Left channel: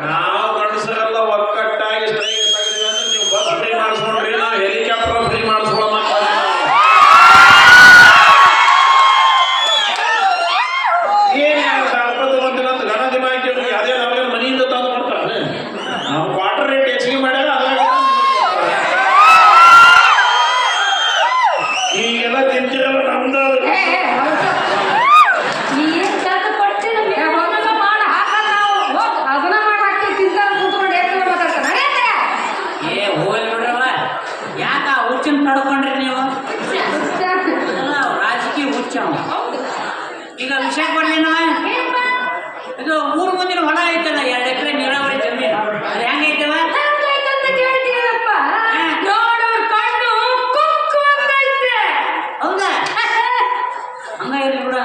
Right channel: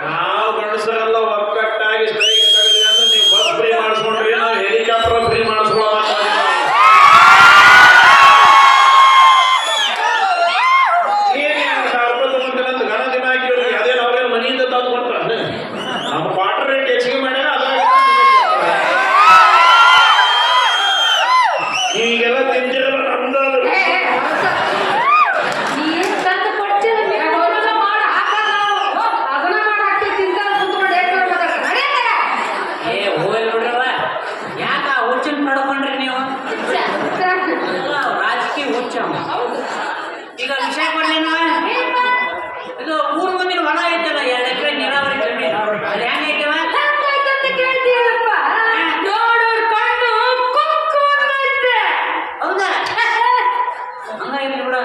ನಾವು ಗಂಡಸರೆಲ್ಲ ಒಕ್ಕಟ್ಟಾಗಿ ಸ್ಟ್ರೈಕ್ ತೆಗೆದ್ವಿ ಅಂದ್ರೆ ನೀವು ಬಸ್ ಫ್ರೀ ಮಾಡಿಸ್ಕೊಂಡ್ರಿ, ನಾವು ಹೆಲಿಕಾಪ್ಟರ್ ಫ್ರೀ ಮಾಡಿಸ್ಕೊಳ್ಳೋಣ. ಏನ್ ಸಾರ್ಪದ ಅಂತ ಗಣ ದಿನ ಹಾಕಿವ್ರಿ, ಅದೇ ನಾವೇನು ಮನೆಯಿಂದ ತಂದು ಕೊಡ್ತಾರೆ. ನಾವು ಕ್ವಾರ್ಟರ್ ರೇಟ್ ಹೆಚ್ಚಿಗೆ ಮಾಡ್ಯಾರ, ಅದ್ರಾಗ ಈಗೆಲ್ಲ ತಿಂತಿರಲ್ಲ ನಮ್ದು. ಈಗ ವಿಷಯ ಕೊಡ್ಲಿ ಇದು 3 ಮಂದಿನ ಹೊಲ ಐತಲ್ಲ, 2 ಎಕರೆ ನೀರಾವರಿ ಜಮೀನು, ಅದು ಹೆಂಗೈತವ? ಹೌದಾ? ಹಂಗ ಇರ್ಲಿ ಬಿಡ.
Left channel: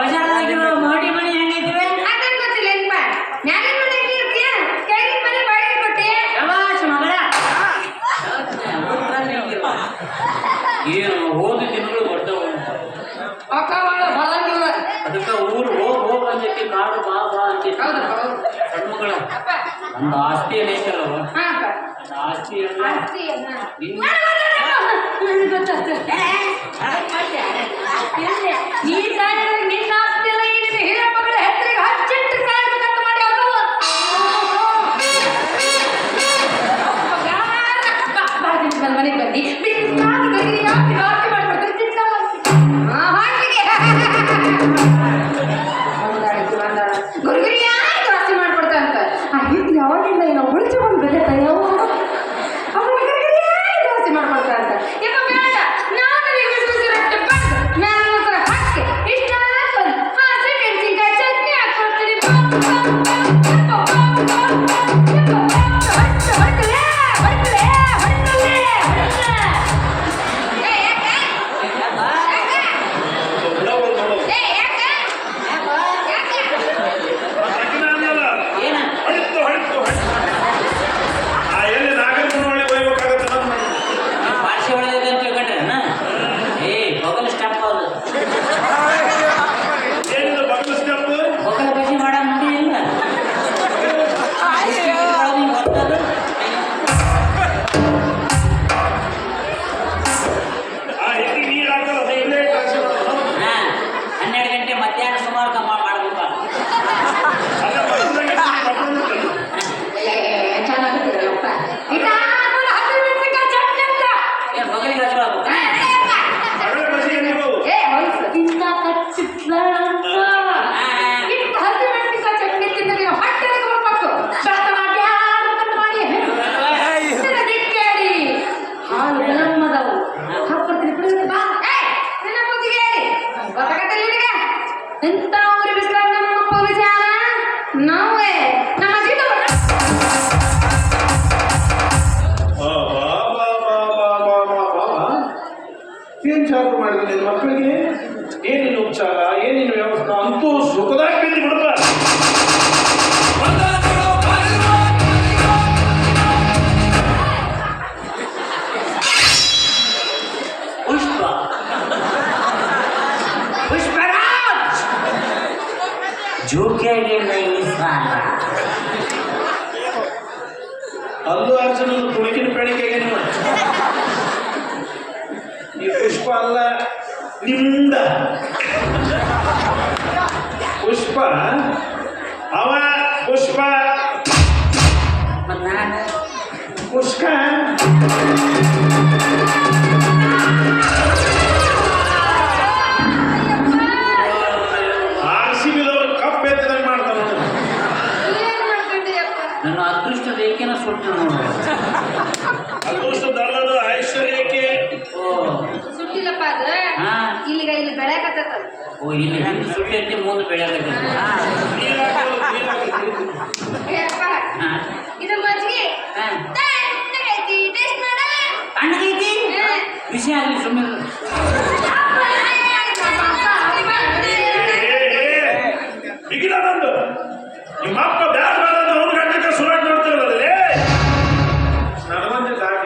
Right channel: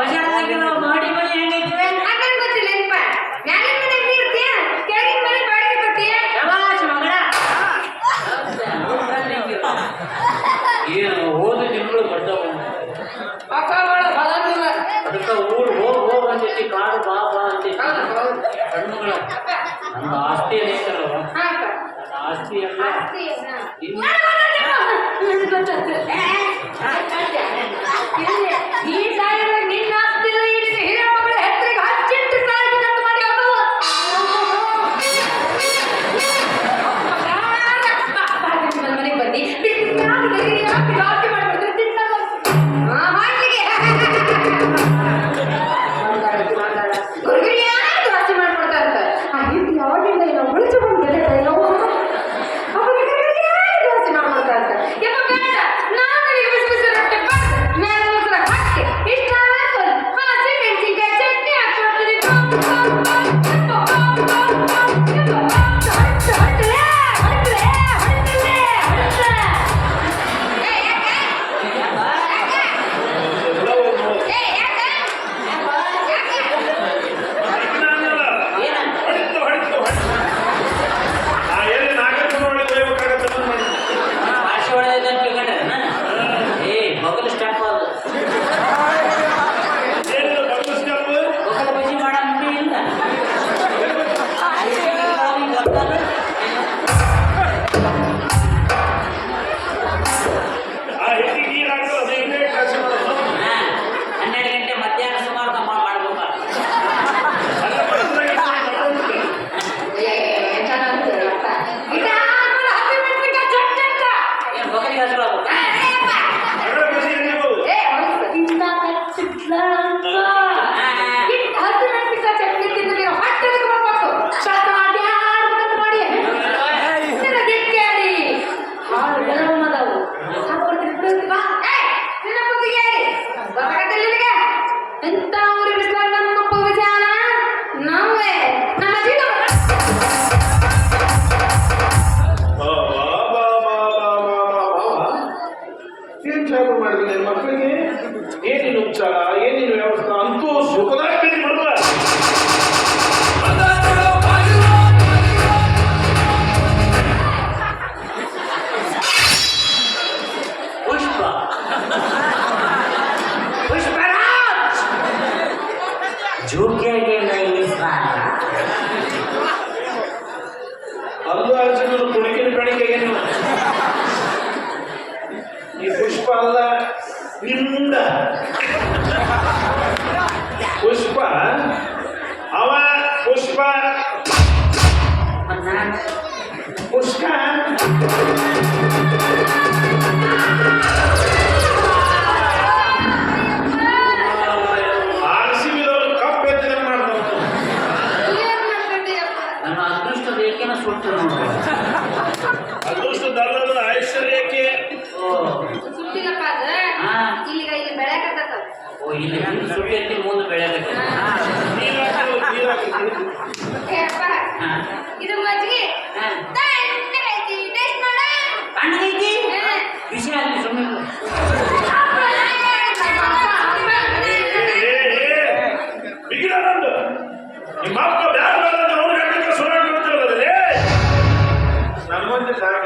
ಬಜಾರ್ದಾಗಿರೋ ಮೋಡಿ ಮನಿ ಹೆಂಗೈತಿವೆ? ಏನು ಹೋಗಿ ದಿನಗಳು ಬರ್ತಾವ, ಅದಕ್ಕೆ ಊರು ಹೋಗ್ ಅಂತೈತಿ, ಕಾಡು ಬಾ ಅಂತೈತಿ. ಹೆಣ್ಮಗಳ ನಮ್ಮ ಆಸ್ತಿ ಎಲ್ಲ ಐತಲ್ಲವ, ಆಸ್ತಿ ಎಲ್ಲ ಏನ್ ಜಾಬ್ ಮಾಡಿದ್ರೆ ಮಕ್ಕಳಿಗೆ ಏನಿಲ್ಲ ಉಪಚಾರ, ಏನಿಲ್ಲ ವ್ಯವಸ್ಥೆ, ಅಂತೂ ಸುಖದಾಗ ಬಿದ್ದು ಬಿಡ್ತಾರೆ. ಅಲ್ಲು ಅರ್ಜುನ ತುಣುಕಿನ ಬೆಳಿಗ್ಗೆ ಈ ಪುಷ್ಪ ಅಲ್ಲ ನಿಂದ ಪುಷ್ಪ, ಅವ ಪುಷ್ಪ ಪುಷ್ಪ ಆರ್ಸಿಬಿದವರು ಕಪ್ ಎತ್ತದಂಗೆ ಮಾಡ್ತಾರೆ. ನನ್ನ ಅದೃಷ್ಟ ರೇಖೆನ ಸುಟ್ಟು ಅದೃಷ್ಟದಲ್ಲದು ಐಶ್ವರ್ಯಕ್ಕೆ ಸುಟ್ಟಿಲ್ಲಪ್ಪ ಅದು ಇಲ್ಲಿ ಬೆಳೆಯಕತ್ತ. ಓ ಇಲ್ಲಿ ಹೆಂಗೆ ಸುಟ್ಟಿ ಐತಿ ಮುಂದೆ ಬೆಳೆಯಕತ್ತ. ಇದು ಮಜ್ಜಿಗೆ ತಣ್ಣಗೈತಿ, ಟೇಸ್ಟ್ ಮಾಡ. ತಣ್ಣಗೈತಿ ವಿಷಯ ಆಗಲಿ ಸುಮ್ಮನೆ. ಬಿಗಿನ ನಂದು ನಿಮ್ಮ ಅಪ್ಪ ಬ್ಯಾಗ್ ಬೇಡ ಅಂತ ಅವ್ರು ಗಂಟೆ ಸುರಾಗಿ ನೋಡ್ತಿರಲ್ಲ ನನಗೊಂದು ಜಾಗ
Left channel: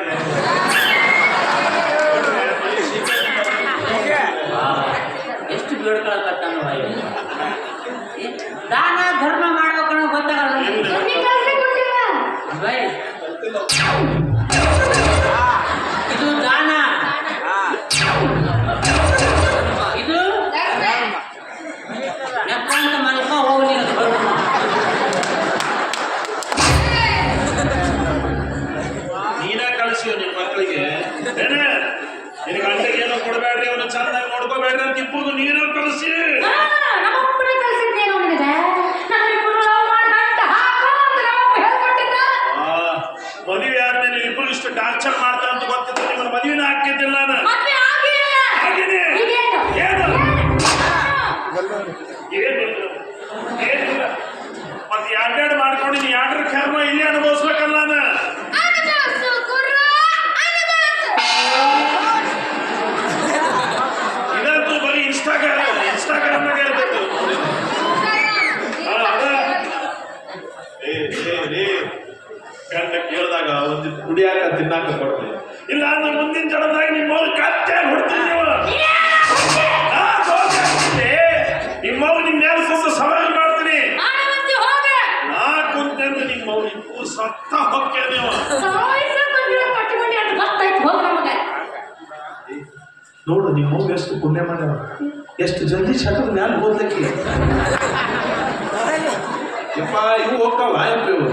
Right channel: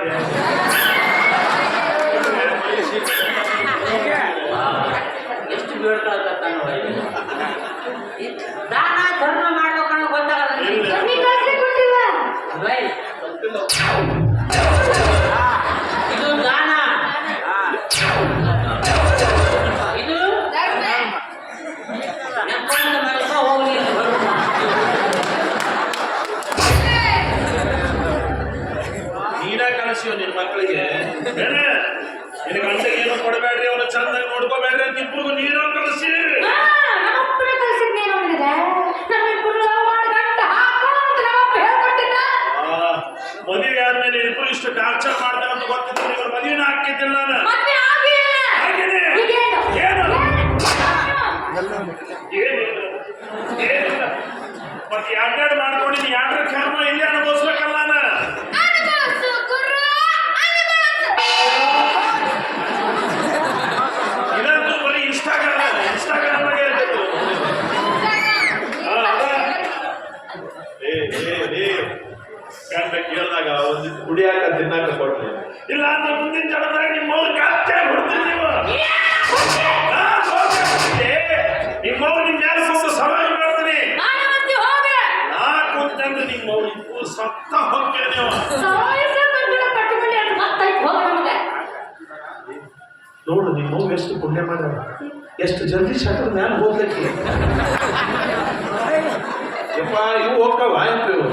ಇದು ಧರ್ಮೆ. ನೆಕ್ಕೊಂಡು ಮಲ್ಕ ಹೋಗ್ಲಿ. ನೀನ ಕಳಿಸಿವ ನಿನ್ನ ಮಕ್ಕಳಿಗೆ ಏನ ನಿನ್ನ ಗಂಟೆಗೆ ಏನು ಕೊಡಬೇಡ್ರಿ ಅವ್ನ ಚಂದಾಗಿ ನೋಡ್ಕೋಬೇಡ್ರಿ ಅಂತ ಇಬ್ಬರು ನೀನು ಕಳಿಸಿ ನಮ್ಮಪ್ಪನ ಕಲ್ಸಿದ್ದೇನು ಅಂದ್ರೆ ನಮ್ಮಿಬ್ಬರು ಲವ್ ಮಾಡಿ ಗಂಟ ಹಾಕೋ ಅಂತ ನಮ್ಮಪ್ಪ ಹೇಳ್ಕೊಟ್ಟಿದ್ದ. ಮದುವೆ ಆದ್ಮೇಲೆ ಇಬ್ರು ಇಷ್ಟು ಟಾರ್ಚರ್ ಮಾಡ್ತಾರೆ ಅಂತ ಗೊತ್ತಿದ್ರೆ ನಿಮ್ಮನ್ನ ಮದುವೆನ ಹಾಕಿದ್ದಿಲ್ಲ ನಾನು ಮದ್ವೆ ಆಗಿಲ್ಲ. ಹಾಗೇನೆ ಈಗೇನು? ಏನು ಏನು? ಏನಿಲ್ಲ ಮತ್ತೆ ಎರಡೆರಡು ಮಾಡ್ಕೊಂಡು ನೀ ಎರಡರ ಕರ್ಮ ಇಲ್ಲೇ ಅನುಭವಿಸ್ಬೇಕಲ್ಲ ನಾನು ಅನುಭವಿಸು ಗುರು, ಅನುಭವಿಸು. ಇದಂತೂ ಬರೀ ಇನ್ಸ್ಟಾಗ್ರಾಮ್ ಇರ್ಬೇಕು ಅದ ಗಂಡ ಕೇಳಿದಾಗ ಒಂದು ಕುಡಿಯಾಕ ತಿನ್ನಾಕ ಕೊಡ್ರಿ ಇಲ್ಲ ಅಂದ್ರೆ ಮುಂದಿನ ಜಡದಾಗ ನಿಮ್ಮ ಅವ್ರು ಕತ್ತೆ ಹೊಡ್ತೀರಿ ನೀವು ನಿಮ್ಮವ್ರು ನಿಮ್ಮ ಮೇಲೆ ಸ್ವಲ್ಪ ಸವಾಲು ಮಾಡ್ತೀನಿ ನಾನು ಮತ್ತೆ ಹೋಗ್ರೆ. ನಾ ಕುಂತಂದ್ರೆ ನಿಮ್ಮ ಅವ್ರು ಇಬ್ಬರು ಸತ್ತ ಹೋಗ್ತೇವೆ ನೀವು ಸಾಯಿಸ ಬಂದಿರೋ ಕಟ್ಕೊಂಡು ಅದು ಗೊತ್ತಾಯ್ತು ಹೋಗ ನಮಗೆ. ನೋಡು ನಿಮ್ಮ ಅವ್ರು ಎಷ್ಟು ಪುಣ್ಯ ಮಾಡ್ಯಾವ ಎಷ್ಟು ಜಲ್ದಿ ಶಟದ ಮ್ಯಾಲೆ ಹೋಗ್ಲಿಕ್ಕೆ ಯಪ್ಪ ಇವು ಹೋಗ್ತಾವ ಇವು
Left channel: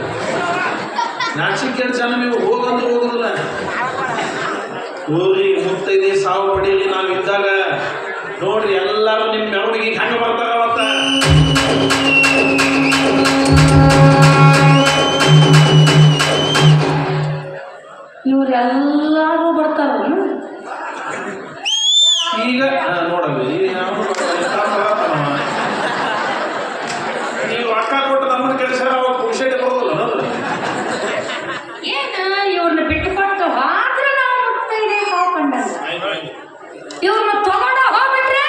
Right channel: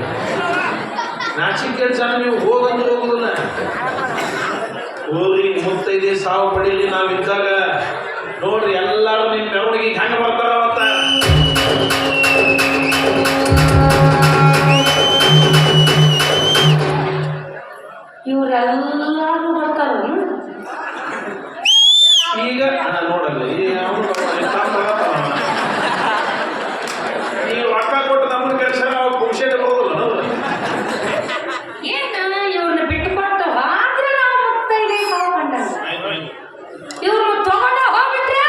ನಾಚಿಕೆ ಜನ ನೀವು ಹೋಗಂದು ಹೋಗುದಿಲ್ಲ ಹೋಗ್ರಿ ಮುತ್ತೈದೆ ಸಾವು ಪಡೀಲಿ ನಾವಿದ್ದಾಗ ನೋಡ್ರಿ ಎಲ್ಲರೂ ನಿಮ್ಮ ಮೆರವಣಿಗೆ ಹೆಂಗೆ ಬರ್ತಾರ ಅವತ್ತ ಇವ್ರೆಲ್ಲಾರು ಬರ್ತಾರ. ಈಗ ನೋಡಲ್ಲ ಈ ರೊಕ್ಕ ಕೊಟ್ಟು ನಮ್ಮ ಕೆಲಸ ನಾವು ಪುರುಷತೆ ಬರೋದಿಲ್ಲ ಅನ್ನೋದು ಏನ ಇವ್ರನ್ನ ಬಿಟ್ಟು ಕೊಟ್ಟು ಆದ್ರೆ ನಾವು ಮುತ್ತೈದೆ ತಗೊಂಡಲ್ಲ. ಇವ್ರನ್ನ ತಗೊಂಡು ಹೋಗ್ಬಿಟ್ರೆ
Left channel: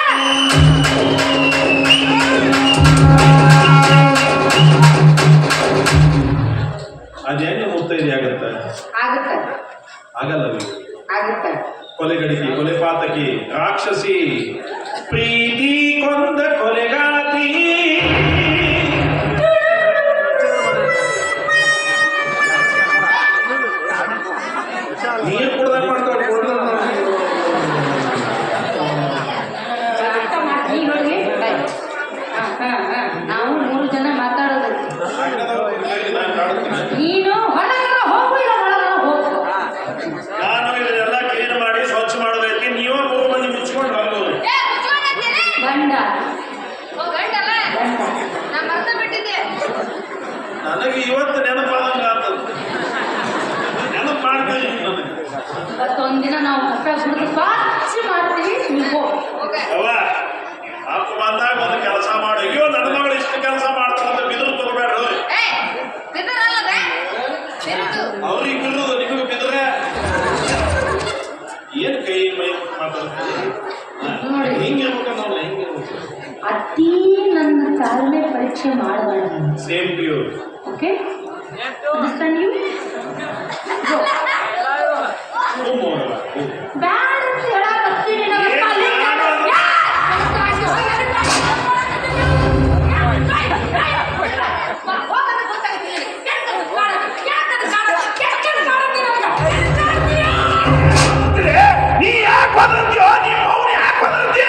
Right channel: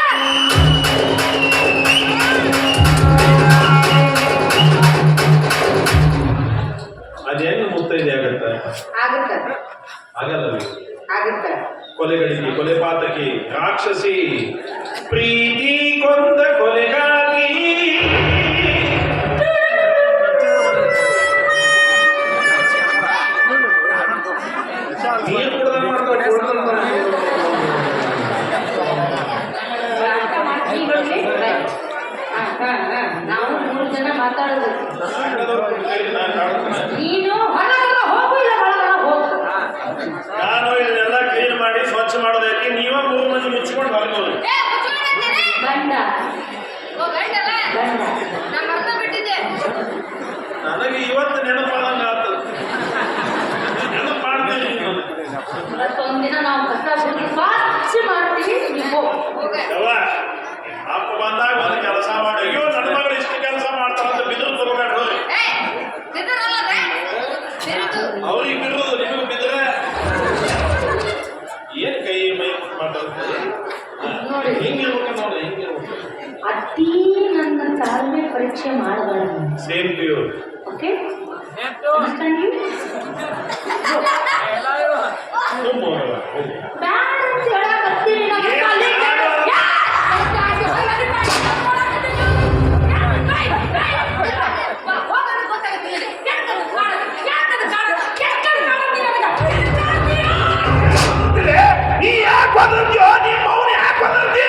ಅದೇನು ಮುತ್ತೈದೆ ಆಗತ್ತೆ ಆಗುತ್ತೆ ಆಗಲ್ಲ ಆಗುತ್ತೆ. ಕೊಲೆಗಡಿಗೆ ಕೊಲೆ ಪಾತಕಿ ರಾಕ್ಷಸಿ ಪ್ರೀತಿ ಕೊಂದ ಕೊಲೆಗಾತಿ ನೀರು ಕುಡ್ದಂಗ್ ಮಾಡ್ಕೊ, ಅರ್ಥ ಮಾಡ್ತೀವಿ. ನಾವು 3 ಜನ ಮಾತಾಡೋದು. ನೀನು ಹೊರಗಡೆ ಹೋಗು ಇಲ್ಲ ಒಳಗಡೆ ಹೋಗು. ನಾನು ಇದನ್ನೆಲ್ಲ ಕ್ಲೀನ್ ಮಾಡಿ ಸ್ವಚ್ಛ ಮಾಡೋದಕ್ಕೆ ನೀವೇ 3 ಮಂದಿ ಮುಚ್ಕೊಂಡು ಬರ್ಬೋದು ಗಂಡ ಓ ಗಂಟಲ್ಲ ಗಂಡ ನಾ ಮರ್ತ ಬಿಟ್ಟಿದ್ದೆ. ನನಗೆ ಇವತ್ತು ನೆನಪಾದಂಗ ಆಗ್ತದೆ ನೆನಪು ಮಾಡ್ತೀನಿ ಇವತ್ತೊಂದಿನ ನಾವು ಕಸ ಗುಡಿದು ಸ್ವಚ್ಛ ಮಾಡ್ತೀವಿ. ನೀವು ಹೋಗ ಯವ್ವ ಅಪ್ಪ ಬಂದಾಗ ಒಂದು ಕೆಲಸ ಮಾಡಿ ಅಯ್ಯೋ ನನ್ನ ಮಗಳು ಇಷ್ಟು ಕೆಲಸ ಮಾಡ್ತಾರಂತ ಬಿದ್ರು ತಗೋಬೇಡ್ರಿ ಏ ಬಿದ್ದರಲ್ಲದೆ ಬಿರುದು ಅವ್ರಿಗೆ ಬಿಡುದು ನಿಮಗೆ ಬಿದ್ರೆ ಏನ್ ಕೈ ಮೈ ಮಾತಾಡ್ತಾರೆ ನೋಡಿ. ಹಿಂಗಿರ್ಬೇಕು ನಾವು ಹಿಂಗಿರ್ಬೇಕು ಅತಿ ನನ್ನ ತಾಳ್ಮೆ ಪರೀಕ್ಷೆ ಮಾಡಬೇಡ. Same to you okay understand you? ಬ್ಯಾಡ ಅಂತ ಹೇಳಕತ್ತೀನಿ ನಾನು. ಹೋಗೋದು ಗೊತ್ತಾಗುತ್ತೆ ನಿನಗೆ. ನೀ ಯಾಕೆ ಬಂದ್ಯೋ ನಿಮ್ಮ ಅವ್ನು ಯಾಕೆ ಬಂದ್ಯ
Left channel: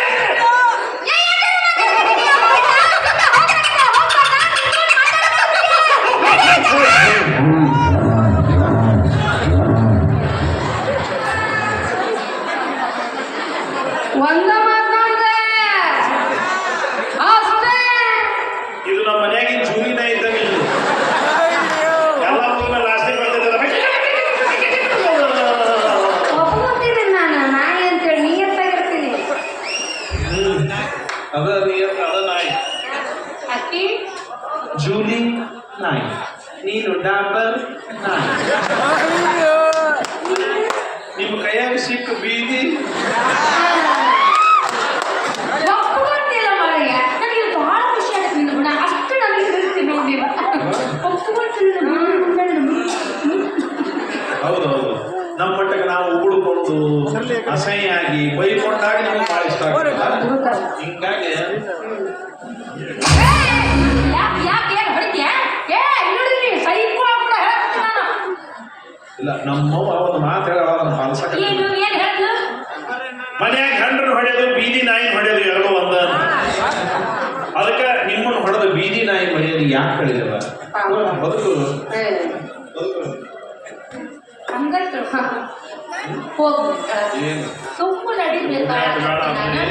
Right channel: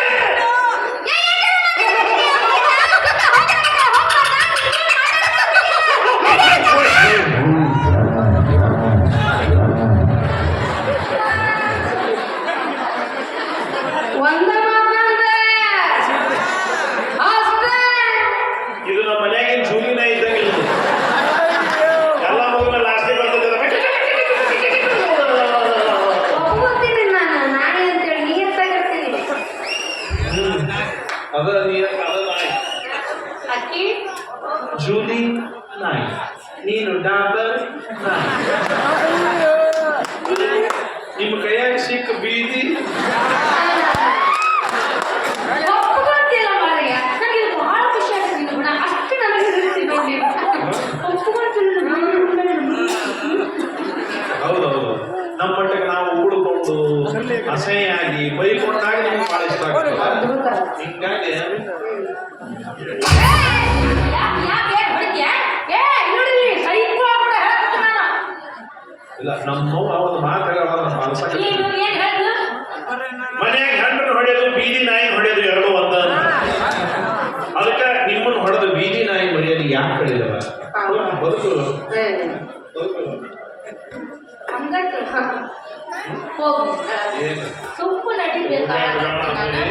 ಒಂದ ಮಾತಂದ್ರೆ ಅಷ್ಟೇ. ಇದು ನಮ್ಮ ಮನೆಯಾಗಿನ ಜೂನಿನ ಇದ್ದಂಗೆ ಇದು. ಎಲ್ಲ ಮಗುನ ಲಾಸ್ಟಿಗೆ ಒಪ್ಕೊತೀನಿ ನಾನು ನಾಯಿ ಅಂತೇಳಿ ನಿಯತ್ತಾಗಿರ್ತೀನಿ. ಅದ ನೀರ್ ಅದ ನಾಯಿ ಅಕ್ಕಿ ಜೂಲಿ ನಾಯಿ ನೀನು ಡಾಬರ್ ನಾಯಿ ನಿಮ್ಮ ಕೈಯಾಗ ಸಿಕ್ಕ ಬೀದಿ ಒಪ್ಕೊಳ್ತಿಲ್ಲ ಮಾರಯ್ಯ. ನನಗೆ ಬಹಳ ಖುಷಿ ಆಗ್ತದೆ ನಿನ್ನ ಗುಣ. ಅಷ್ಟು ನನಗೆ ಇರ್ತೀನಿ ನೋಡಿ. ಒಪ್ಕೊಳ್ತಿಲ್ಲ. ಹೌದೌದು ನಮ್ಮ ಮಟ್ಟಕ್ಕೆ ನಾವು ಉಗುಳ್ಕೊಂಡು ಅಸಹ್ಯಾಗಿ ಬೈಕೊಂಡಾಗ ನಮಗೆ ಭಾಳ ಇಷ್ಟ ಆಗ್ತದೆ ಹಿಂಗಾಗಿ ಮಾತಾಡಬೇಡ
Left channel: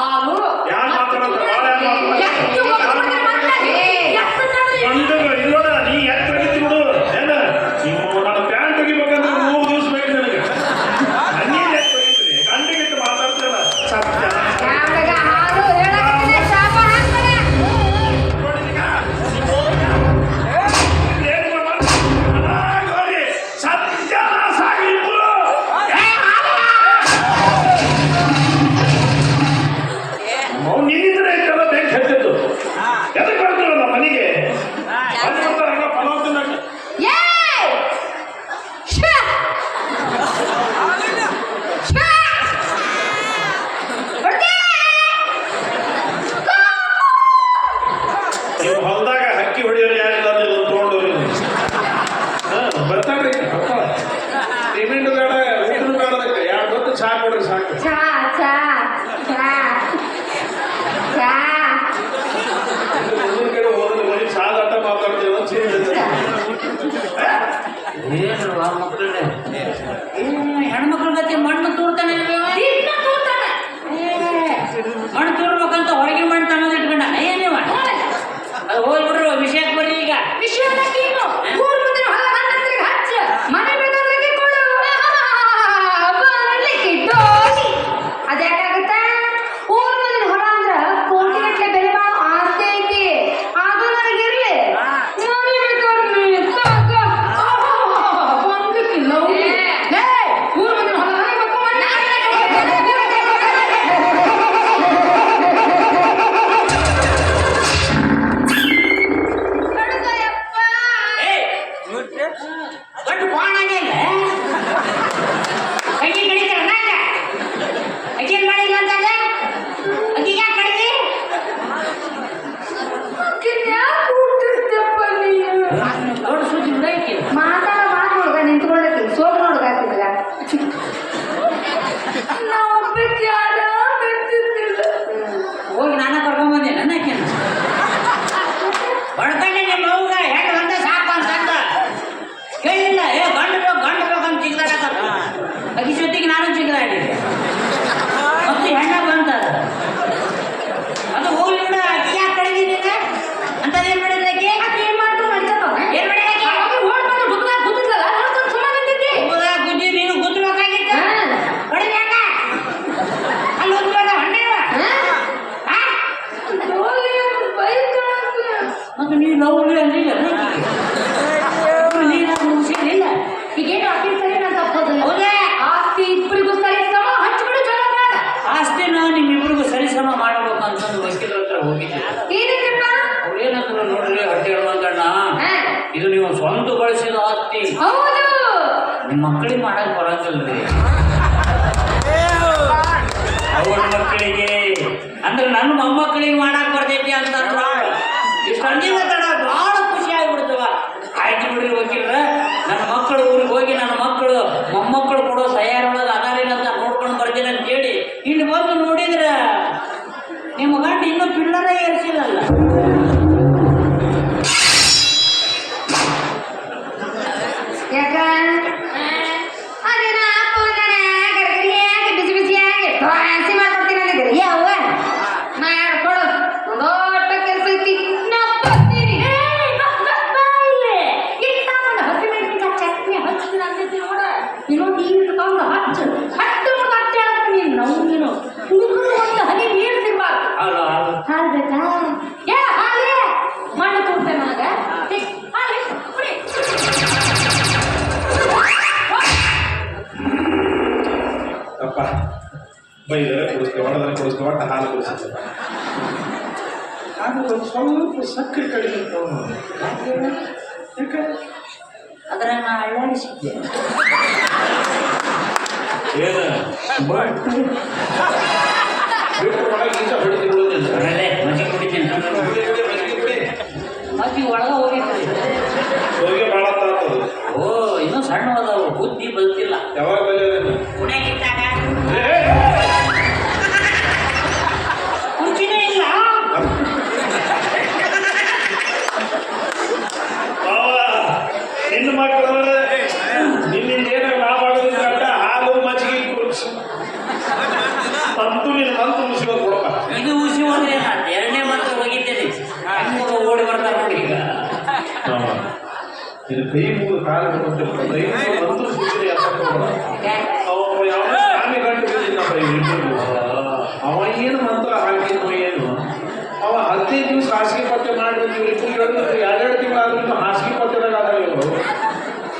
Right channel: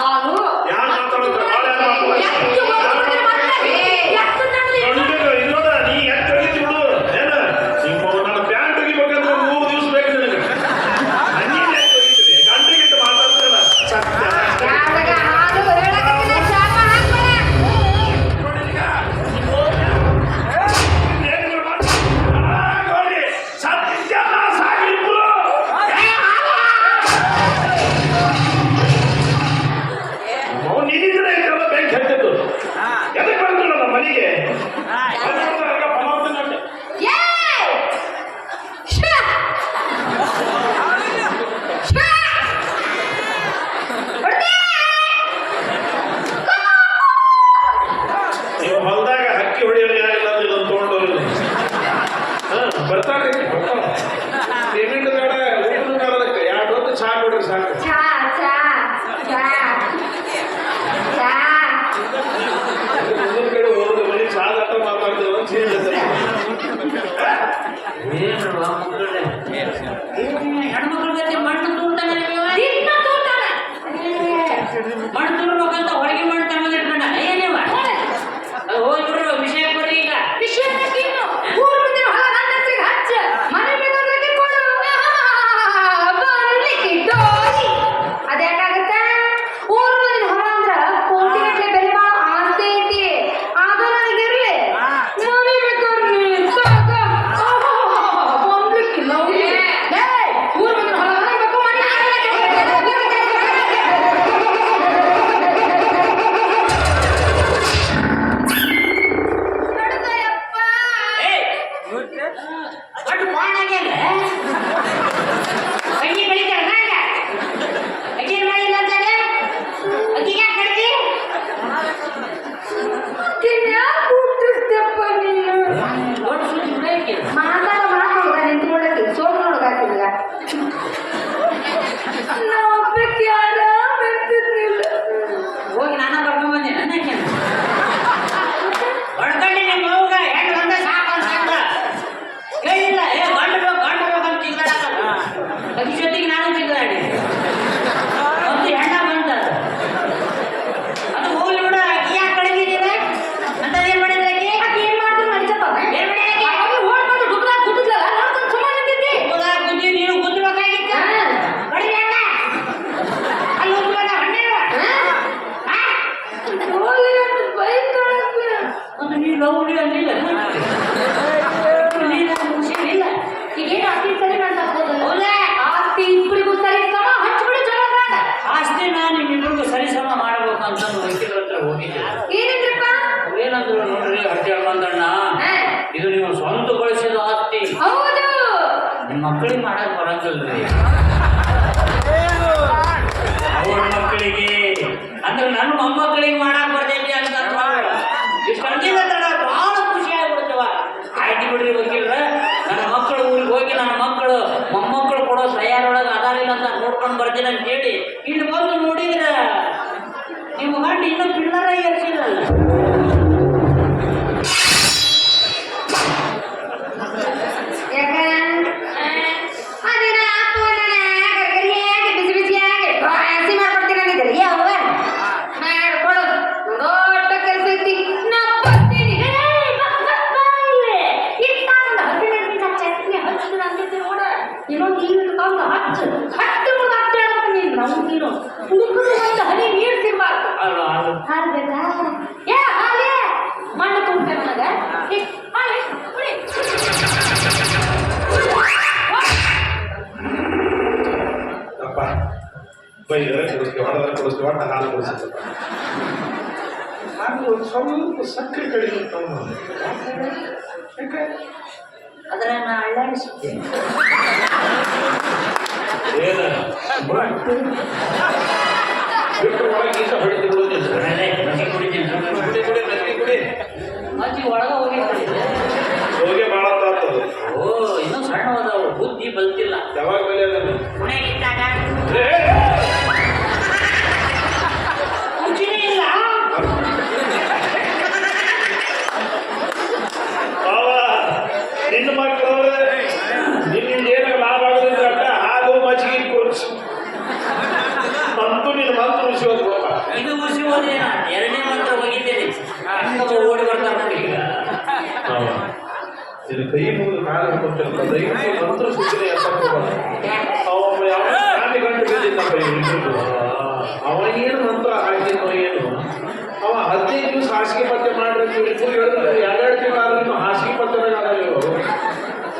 ಹಾಲು. ಯಾರು ಮಾತಾಡೋದು? ಭಾಳ ಯಾರು ಮಾತಾಡೋದು? ಎತ್ತು ಹೋಗ್ಬಿಟ್ರೆ ಮತ್ತೆ ಎತ್ತು ತಡಲಿ. ಗಂಡಗ ಇಲ್ಲೋಡ ನೀ ಎತ್ತು ತೆಗಿತಿ ಬಿಡು. ಏನ ನಿಮ್ಮ ನನ್ನ ಪ್ಯಾಂಟ್ ತೆಗಿಬೇಕಂದ್ರೆ 3 ದಿವಸ ಬೇಕು ನನಗೆ. ನನ್ನಿಂದ ಎತ್ತು ತೆಗಿತೀನಿ. ಗಂಡಗಿಟ್ಟು ಮಾತಾಡ್ತಿರಲ್ಲ. ಯಾವಾಗ ಹಾಲು ಹೇಳಕ್ಕಿಲ್ಲ, ಶಾಪ ಹಾಕ್ಬೇಡ. ಸತ್ಯನಾಶ ಆಗಿದ್ದು. ನೀನಿದ್ರೆ ಎಂತೆಲ್ಲ ಬ್ಯಾಂಕ್ ಹೇಳ್ತಿದ್ದು ಎದಕ್ಕೆ ಬರ್ತೀರ ನಮ್ಮ ಮನೆಗೆ? ಪಲಾವ್ ತಿನ್ನಕ್ಕೆ ಏಯ್! ಶ್ವ! ಶ್ವ! ಹೊಡ್ತೀಯ? ನೀವು ಹೊಲದಾಗ ಹಕ್ಕಿ ಹೊಡೆಯೋರು ಯಾರಿಲ್ಲ ಅಂದ್ರೆ ಇದನ್ನು ತೊಗೊಂಡವ್ರು ಬರ್ತಾರ್ರಿ ಪೇಮೆಂಟ್ ಬೇಡ ಊಟ ಬೇಡ ಅದಕ್ಕೆ 2 ಹೊತ್ತು ಚಹಾ ಕೊಡ್ರಿ ಸಾಕು. ಚಾ ಚಾ ಚಾ ಚಾ. ಮುಂದಿನ ಕಡೆ ಹೋದ್ರೆ ಬರೀ ಸಾಗಟ್ಟ ಮಾತಾಡ್ತೀವಿ ಅಂತ ಹೇಳ್ತಾರೆ. ಏನು ಮಕ್ಕಳೇ ಹೆಣ್ಮಕ್ಳ ಗತಿ ಮಣ್ಣು ತೂರ್ತಾನೆ ದಿನ ತೂತಾನೆ. ಮಣ್ಣು ತೂರ್ಬೇಕಂತ ಹೊರಗೆ ಮಣ್ಣು ತಗೊಂಡು ಇಟ್ಕೊಂಡ ಏನಿವ ಅದು ಹೋಗ್ಬಿಡ್ರು ವಿಷಯಕ್ಕೆ ಬರ್ರಿ ಈಗ ವಿಶ್ವಕ್ಕೆ ಏನು? ಊರು ಮುಂದಿನ ಹೊಲ ನನ್ನ ಹೆಸರಿಗೆ ಹಚ್ಚ. ಮನೆ ಬೇಕಾದ್ರೆ ಕಿತ್ಕೊಳ್ಳು. ಬರ್ಲಿಕ್ಕೆ ಡೋಲಿ. ಅದ್ಯಾಕಾಗತ್ತೆ? ಊರು ಮುಂದಿನ ಹೊಲ ಅಂದ್ರ ಕೋಟಿಗಟ್ಟಲೆ ಬೆಲೆ ಬಾಳೋ ಆಸ್ತಿ ಐತಿ. ಅದು ನನಗಿರ್ಲಿ. ನಾನೇನು ಕಮ್ಮಿ ಸಾಕ. ಬಂದ್ಲಿಕ್ಕಿಲ್ಲ ಅವ್ರಿಗೆ. ಏಯ್! ಊರು ಮುಂದಿನ ಹೊಲ ನನಗೆ ಬೇಕು, ಮನೆ ಕಡ್ದಯಪ್ಪ. ಗಂಡು ಬಾಣಾಗ್ಯಾನ ಕೈಗೆ ಬೆಳಿತಾರ ನಾಗ ಅಕ್ಕಿ ಮಾಡಿಲ್ಲ ಅಂತಾನೆ ಅಕ್ಕಿ ಯಾಕೆ ಕಡಿತಿ ಯಾಕೆ ಹುಟ್ಟಿಸ್ದೆಪ್ಪ ನೀನು? ದೊಡ್ಡ ಸುದ್ದಿ ಬಿಡೈತಿ ಮಾತಾಡೋ ಮಾತೊಳಗ ನಿಂತ್ಕೊಳ್ಳಕ್ಕೆ ಸೋಗು ನೋಡ್ಗಾತಿದ್ಗ. ನಾವು ಒಬ್ಬಕ್ಕೆ ಯಾರ ಬೆಂತಿದ್ದಿಲ್ಲ. ಹೋಗಿ ನಾನು ಕರ್ಕೊಂಡ್ಬಂದೆ ನನ್ನ ಅಕ್ಕಿನ ಹೊಡ್ಕೊಂಡೆ ನಿಮ್ಮ ಅವ್ಗ ಹೆಣ್ಣು ಬಂದ ಸಾಕು ಅಂತಂದ ಕೇಳಿಲ್ಲ ಏ ಗಂಡು ಬೇಕಂತ ಚಿಗದಾಡಕತ್ತ ಅಕ್ಕಿ ಜೊತೆಗೆ ನಾನು ಚಿಗದಾಡಿ ಮತ್ತೆ ಹೆಣ್ಣ ಬಂತ ಅದು ಹೋಗ್ಲಿ ಬಿಡ ಅಕ್ಕಿ ಯಾಕೆ ಕಡಿದಿದ್ದೀರ ಅಂತ ಏನ್ ಮಾಡಿದ್ರೆ ಅಕ್ಕಿ ಅದ್ ಏನ್ ಮಾಡಿದ್ರು ನಡೀತದ? ಏನ್ ಮಾಡಿ ಅಕ್ಕಿ ಅವಾಗ ಓಡ್ಕೊಂಡು ಡುಗ್ದಾಗ ಗುದ್ದಿದ್ಲಲ್ಲ, ನೋಡ್ಕೊಂಡು ಸುಮ್ಮನೆ ನಿಂತಿದ್ದಿ. ಹೌದಾ ಗುದ್ದಿ ನೀನು ಗುದ್ದಬೇಕಾಗಿತ್ತ ಹಾ. ಕಡಿಮೆ ಅಣ್ಣ ಅಲ್ಲಿ ಉದ್ವಾಗ ಹಣ್ಣೇವ ಹಾ? ಹೋಗ್ಲಿ ಅಂತ ಬೈತಾಳಲ್ಲ. ಮತ್ತು ನೀನು ಲವ್ಲಿ ಅಂದಿಲ್ಲ ನೀನು ಮುಗಿಸಿಲ್ಲ ಈಗೇನು ಅಕ್ಕಿ ಸರಿ ನಾನು ತಪ್ಪೋದಿಲ್ಲ. ಹೌದಾ ಆಸ್ತಿ ಇಬ್ರಿಗೂ ಸರಿ ಸಮ ಹಚ್ಬಿಡು ಜಗಳ. ಆಸ್ತಿನ ನಿಮ್ಮಿಬ್ರಿಗೂ ಸರಿಸಮ ಮಾಡಬೇಕು ಅಂತಂದು ವಕೀಲರ ಹತ್ರ ಹೋಗಿದ್ದೆ ಏನಂದ್ರಪ್ಪ? ಅವ್ರೇನಂದ್ರು ನೋಡ್ರಿ ಹೊಟ್ಟೆ ಹೇಳ್ಕೊಂಡಣ್ಣ ಹಾ. ಇದು ನೀವು ಸ್ವಂತ ಬಳಸಿದ ಆಸ್ತಿ ಹೌದು. ನಿಮ್ಮ ಮಕ್ಕಳಿಗೆ ಮಾಡಕ್ ಬರಂಗಿಲ್ರಿ ಅವ್ರ ಮಕ್ಕಳಿಗೆ ಅಂದ್ರೆ ನನ್ನ ಮೊಮ್ಮಕ್ಕಳಿಗೆ ಮಾಡಕ್ ಬರ್ತೈತಿ ಅಂತಂದ್ರು ಇಷ್ಟು ಅಂದಿನ ತಡ ಬಹಳ ಖುಷಿ ಆಗ್ಬಿಡ್ತವ ಆಯ್ತು ಬಿಡ್ರಿ ವಕೀಲ್ರ ನನ್ನ ಮಕ್ಕಳು ಊರಿಗೆ ಹೋಗಿ ನನ್ನ ಮಕ್ಕಳು ಮೊಮ್ಮಕ್ಕಳು ಕೊಡೋ ತಯಾರೊಳಗೆ ಅದಾರಿಲ್ಲ ಅಂತ ನೋಡ್ಕೊಂಡು ಬರ್ತೀನಿ ಅಂತ ಹೇಳಿ ಇಲ್ಲಿ ಬಂದು ನೋಡಿದ್ರ ನಿಮ್ಮ ಗಂಡ ಇನ್ನೂ ಪಿಲ್ಲರ ಏರಿಸಿಲ್ಲಲ್ಲ ಯಾಕ? ಅದನ್ನ ಅಪ್ಪನ ಗರಿಯಾಗಿ ಬಿಸಿ ಬಿಸಿಯಾಗಿ ಹಸಿ ಮಾಡ್ಕೊಡ್ತೀನಿ ಅಂದಿದ್ದೆ. ಯವ್ವ ಮಾಡ್ಕೊಡು. ದೊಡ್ಡ ಕೆಲಸ ಐತಿ. ನಾ ಬರ್ತೀನಿ. ಏಯ್, ಬಾ ಇಲ್ಲಿ. ಇಟ್ಟ ಒಂದು ಹಸಿಮೆಣಸಿನಕಾಯಿ ಚಟ್ನಿ ಹಚ್ಚಿದ್ರೆ ಅಂದಿದ್ದೆ ನೋಡ. ಇನ್ನೊಂದು ತಗೊಂಡು ಹಚ್ಚು ಹಾಕ್ತೀನಿ ನೀನು. ಹುಡುಗರು ಒಂದು ಹನಿ ನೀರು ಸಿಗ್ಬಾರ್ದು. ಅಲ್ಲ ಅದು ಹಾಲು ಬೇಕಾ? ಏ ಹಾಗೆ ಮಣ್ಣು ತುಂಬ ಮಗ. ಹಾಗೆ ಕುಡಿ. ಅಪ್ಪ ಬೈದರೆ ಕುಡಿಸ್ತೀವಿ ಹೊಡೆದರೆ ಕುಡಿಸ್ತೀವಿ ಒಟ್ಟು ಹಾಲು ಕುಡಿಸ್ತೀವಿ. ಹಾಲು ಒಂದು ಸ್ವಲ್ಪ ಸಕ್ಕರೆ ಕಡಿಮೆ ತಗೊಂಡು ಯಾಕೆ ಅದನ್ನ ನಾನು ಅಳ್ಳಾಡಿಸಿದ್ದೆ ಏನು ಬಿಟ್ಟು ಒಳಗೆ ಈತ ಹೊಡಿತೀವಿ ಉಳಿದಿಲ್ಲ. ಅಲ್ಲೇ ಮಜ್ಜಿಗೆ ಕುಡಿತೀನಿ ಬಿಡಿ ಬಿಡಿ ಮಜ್ಜಿಗೆ ಬಿಡಿ. ಮಜ್ಜಿಗೆ ಒಳಗೆ ಹೋಗಿದ್ರಿ ಹೋಗಿ ಭಾಳ ತಾತದು. ಓ ಇನ್ನೂ ಸಣ್ಣ ಅದಾವು ಬುದ್ಧಿ ಬಲ್ತಿಲ್ಲ ಯಾವಾಗ ಬೆಲೆ ಅದನ್ನು ಪುಣೆಗಿದ್ದಾಗ ಮುಂಚಿನೇ ಇಲ್ಲ ಹೆಣ್ಣು ಮಕ್ಕಳು ನಿನ್ನಿಂದ ಏನೋ ಮಾಡಬಾರ್ದು ಹಾಲು ಮಜ್ಜಿಗೆ ಕುಡಿಸು ಕೈ ಮುಗಿದು ಕಾಲ ಅಂತೂ ಸಿಕ್ಕಿದೆ ಅವ ಗಂಟು ಬಿದ್ದಿದ್ದಪ್ಪ ಇಬ್ಬರು ಅವ ಏನು ಮಂತ್ರ ಹಾಕಿದ್ನೋ ಏನು ಅವ 15 ದಿವಸ ಹಾಸಿಗೆ ಪತ್ತೆ ಮಾಡಬೇಕು ಇಬ್ಬರು ಹೇಳಿದ್ರೆ 2 ತಿಂಗಳು ಆದ್ರೂ ಹಾಸಿಗೆ ಪತ್ತೆದಾಗ ಇವರು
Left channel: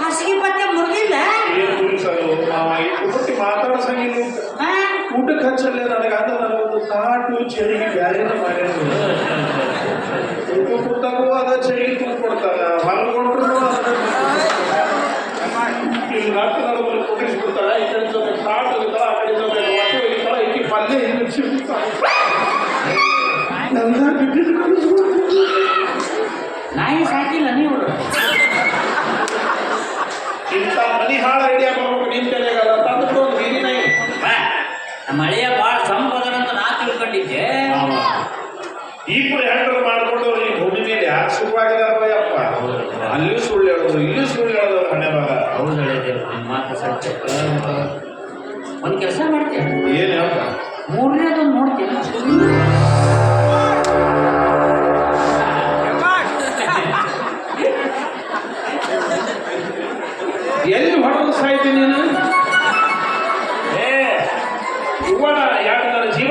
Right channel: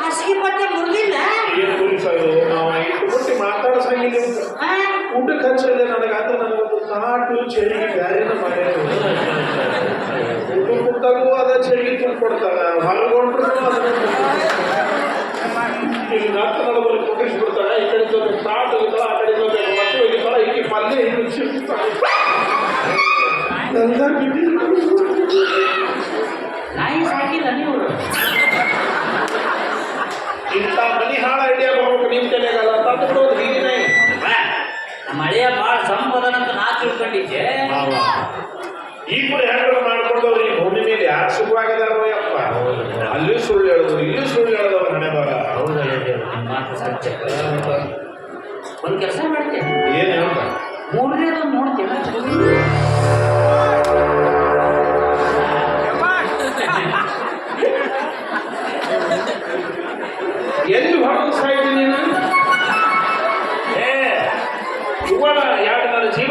ಹಾಸಿಗೆ ಪತ್ತೆ ಮುಗಿಲ್ಲ ಏನು ಕುರಿಸೋದು ಅವ ಇಟ್ಟು ಕೊಟ್ಟು ಮಾತಾಡ್ಸಂಗಿಲ್ಲ ಊಟಕ್ಕೆ ಹಚ್ಚಲ್ಲೇ ನನಗೆ ಅಂದ್ರೆ ನನಗೊಂದು ತಾಟು ಚೆರಿಗೆ ಬೇರೆ ಮಾಡ್ಯಾರ ಊಟ ಕೂತಾಗೂ ಅದ ಚೆರಿಗೆ ತುಂಬ ಕೊಡ್ತಾರೆ ಹೊರಗೊಂಡ್ರು ಈಗ ನಾಲ್ಕು ನಡುವರು ಕುದಿಸ್ಬಿಡ್ತಾಳೆ ಈ ಕಡೆ ತಾಟು ಹೋಗಿಲ್ಲ ಆ ಕಡೆ ಮಕ್ಕಳು ಹೋಗಿಲ್ಲ ಈಕಿ ಪಲ್ಯ ಎಲ್ಲ ಬಿದ್ದಿದ್ದು ನಾಯಿ ಸಾಕಿಲ್ಲ ನೀವು ಇಂಥ ಮನಿ ಹಾಳ ಐಡಿಯಾ ಮಾಡ್ಬೇಕು ನಿಂತೇನೆಗಲ್ಲ ತಂದ್ಬಿಟ್ಟು ಒಂದು ಬೀದಿ ನಾಯಿ ಮಳೆಯ ಬಾಳ ಸಂಪದ ಅಂತ ನಾ ತಿಳ್ಕೊಂಡಿದ್ದೆ ಈ ಕೂಡ ಹೆಂಡರು ಮಾಡ್ಕೊಂಡು ಈ ಭೂಮಿ ಮೇಲೆ ಯಾಕೆ ಸುಖವಾಗಿದಾರಪ್ಪ ಅಲ್ಲಿ ಸುಳ್ಳು ಹೇಳೋದು ಇಲ್ಲಿ ಸುಳ್ಳು ಹೇಳೋದು ಹಣೆ ಬರ ಹೌದು ಹೇಳಿದ್ದೇವೆ ನಿಮ್ಮ ಮಾತು ಸತ್ಯ ಒಂದು ಕೆಲಸ ಮಾಡ್ತೇನೆ ಏನು ಹೇಳ್ತ ಮೂರನೇದೊಂದು ನೋಡ್ತೇನೆ ಎಲ್ಲಿ ಹೊರಗೆ ಸಾಯ್ತೀನಿ ನೀನು ಇವಾಗ ಯಾಕೆ ನನ್ನ ಜೀವ